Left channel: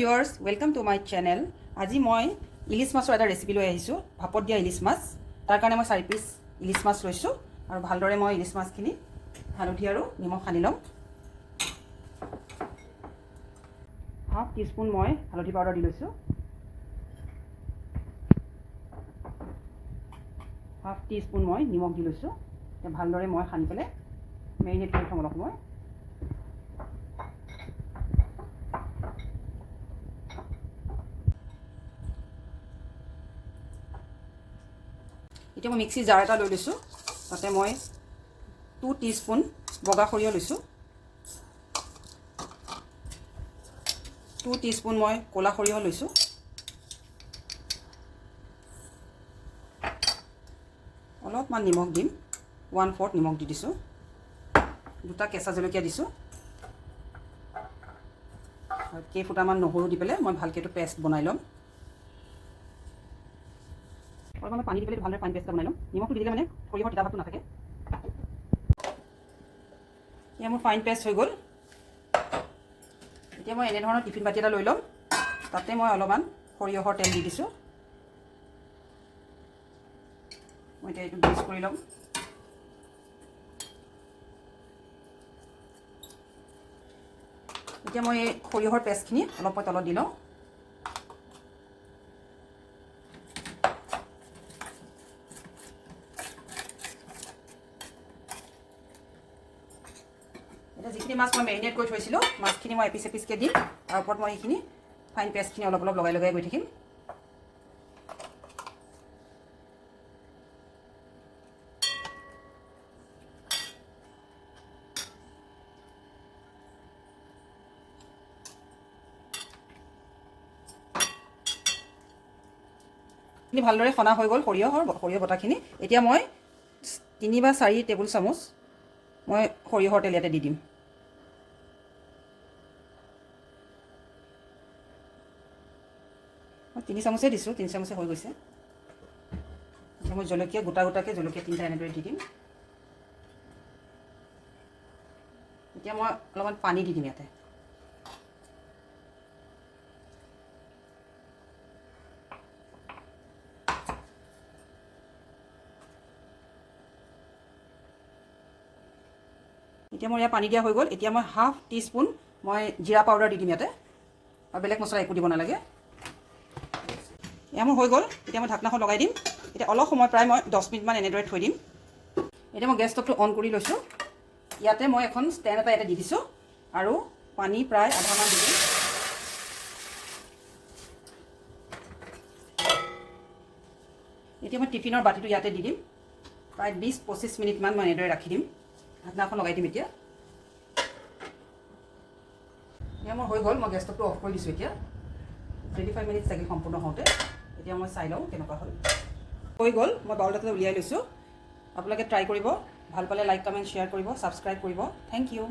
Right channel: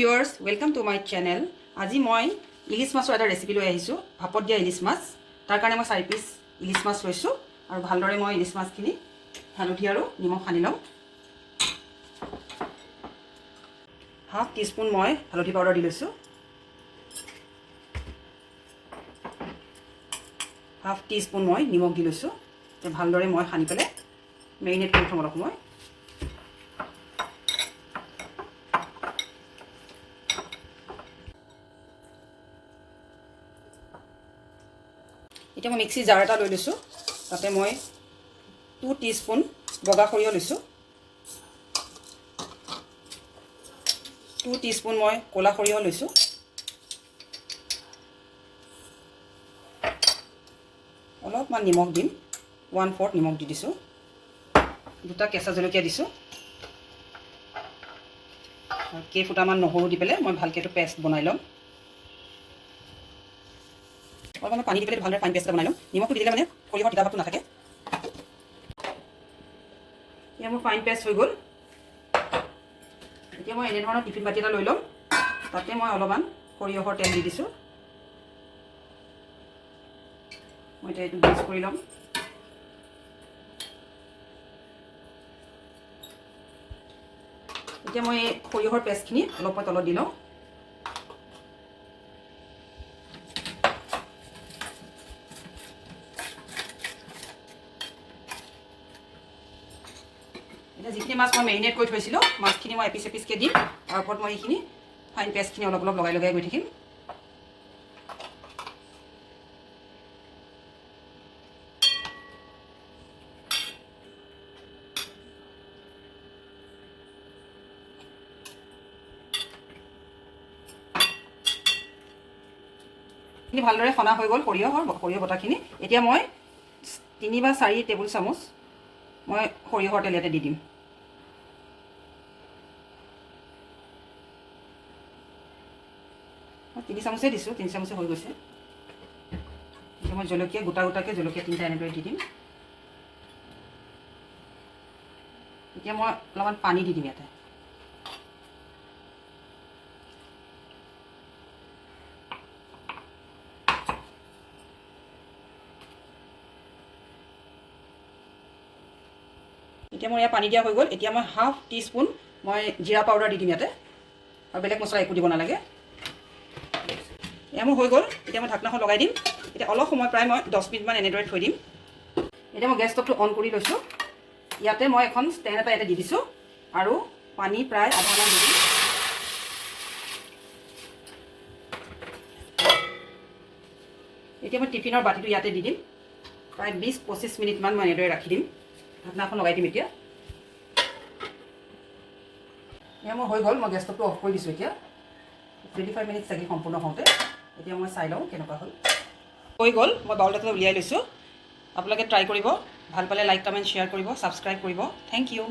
viewers, welcome to my channel. আজি মই ইলিশ মাছৰ এটা ৰেচিপি লৈ আহিছো ভাপত দিয়া ইলিশ মাছ তাৰ কাৰণে মই 4 পিস ইলিশ মাছ লৈছো আৰু ভালদৰে মই ইলিশ মাছখিনি হালধি আৰু নিমখ সানি লম হাফ টিস্পুন মই হালধি পাউডাৰ দি লৈছো হাফ টিস্পুন মই নিমখ দি লৈছো তে ভালদৰে মই সানি পেলে মেৰিনেট কৰি থম অলপ সময় এতিয়া মই মিক্সি জাৰ এটা লৈ লৈছো তাতে মই 2 টিস্পুন বগা খৰিয় লৈছো 2 টিস্পুন মই কোলা খৰিয় লৈছো অলপমান নিমখ দিম 1/4 নিমখ দি দিছো দুটা কেঁচা জলকীয়া দিছো কেইফুটামান নহৰু দি পেলে মই ভালকে তো পেষ্ট বনাই লম অলপমান পানী দি পেলে ভালদৰে ফাইন পেষ্ট বনাই লম নিমখটো দিলে মানে খৰিহৰ তিতা ভাৱটো নাথাকে এতিয়া মোৰ ফাইন পেষ্ট হৈ গ'ল এতিয়া মই এনে ধৰণৰ টিফিন বাটি এটা লৈ লম তাতে মই অলপমান খৰিহৰ তেল দি দিছো মই এইটো মিক্স কৰি লম এতিয়া মই খৰিহৰ পেষ্টখিনি অলপ তলত দি লম এটা যিখিনি মাছ মই মেৰিনেট কৰি থৈছিলো মাছখিনি মই এপিস এপিসকে দিম আৰু ওপৰত মই এইখিনি ফাইন পেষ্টখিনি অলপ অলপ লগাই লগাই গৈ থাকিম ini ভালদৰে খনা হৈ গল সৰিয়হ বটাখিনি এতিয়া মই 3 বা 4 টেবুল চামুচ মই সৰিয়হৰ তেল ইয়াতে দি দিম 3 চামুচে দিছো 3 চামুচে হৈ গৈছে এতিয়া মই জলকীয়া গোটা গোটাকে জলকীয়া 3টা এনেকৈ দি দিম এতিয়া মই অলপমান পানী দি দিম ইয়াতে এতিয়া মই পানী দিয়া হৈ গ'ল এতিয়া মই হাফ টিস্পুন মই জিৰা পাউডাৰ দি দিম ইয়াতে আৰু বেলেগ মছলা একো দিব নালাগে এয়া মোৰ হৈ গ'ল এতিয়া মই ঢাকনাখন লগাই দিম এতিয়া অলপ সময় প্ৰায় মই 10 মিনিট মান এনেদৰে থৈ দিম এতিয়া মই গেছ ষ্টভটো অন কৰি লৈছো ইয়াতে মই এখন ষ্টেণ্ড এটা ইয়াতে দি দিছো আৰু পানী প্ৰায় আধা মান দি দিম এতিয়া মই টিফিনৰ বাটিটো ইয়াতে দি দিম প্ৰায় 20-25 মিনিট মান মই এনেদৰে ৰাখি দিম ঢাকনাখন লগাই দিম এতিয়া এয়া মোৰ হৈ গ'ল মই গেছ ষ্টভটো অফ কৰি দিছো এতিয়া 25 মিনিট লাগি সম্পূৰ্ণ হওঁতে এতিয়া মই চাই লওঁ কেনেকুৱা হ'ল হৈ গ'ল মই বাউল এটাতে উলিয়াই লৈছো আপোনালোকে ট্ৰাই কৰিব ভাল পালে লাইক কমেন্ট শ্বেয়াৰ কৰিব সাবস্ক্ৰাইব কৰিব থ্যাংক ইউ